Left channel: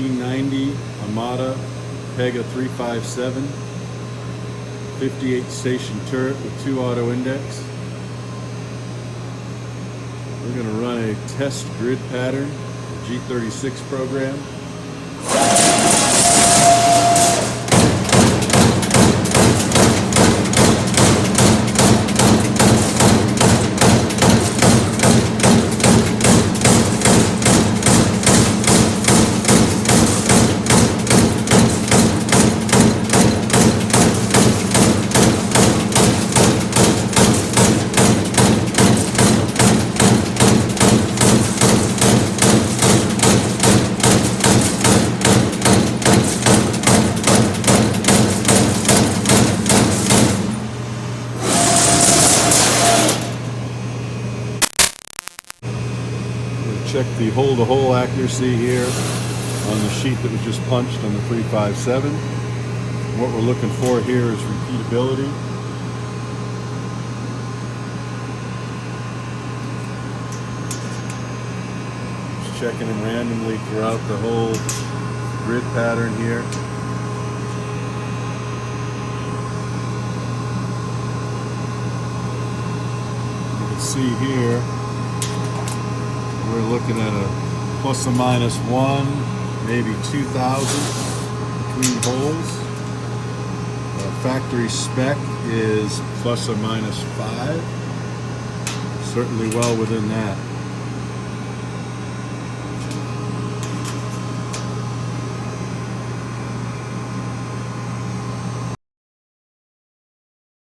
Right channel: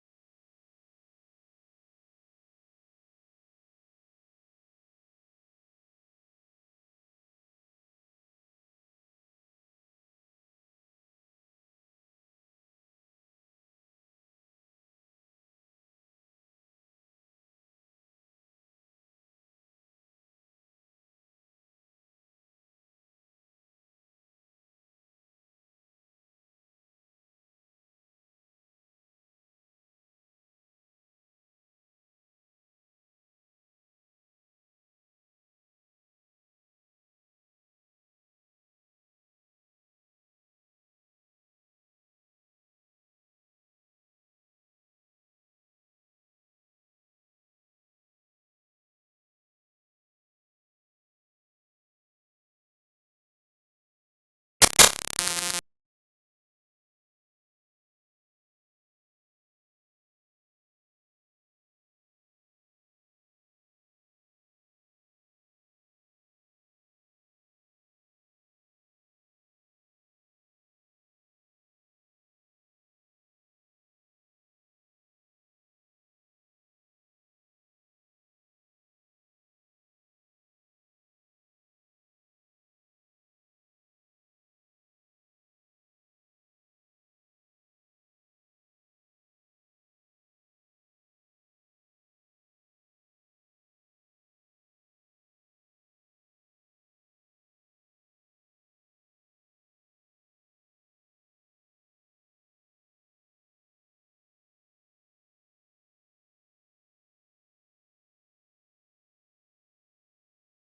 1990 Amada Pega 357, 58 station turret with 2 auto index. We're going to run a test grid pattern, G36 program. Check the hole-to-hole accuracy here on the sheet that was just punched on the 357. What we're looking for here is repeatability. Just checking them randomly throughout the whole grid pattern here. You can see here we're looking at a plus or minus 1, maybe 2,000 between holes. Factory spec is plus or minus 5. Certainly well within that.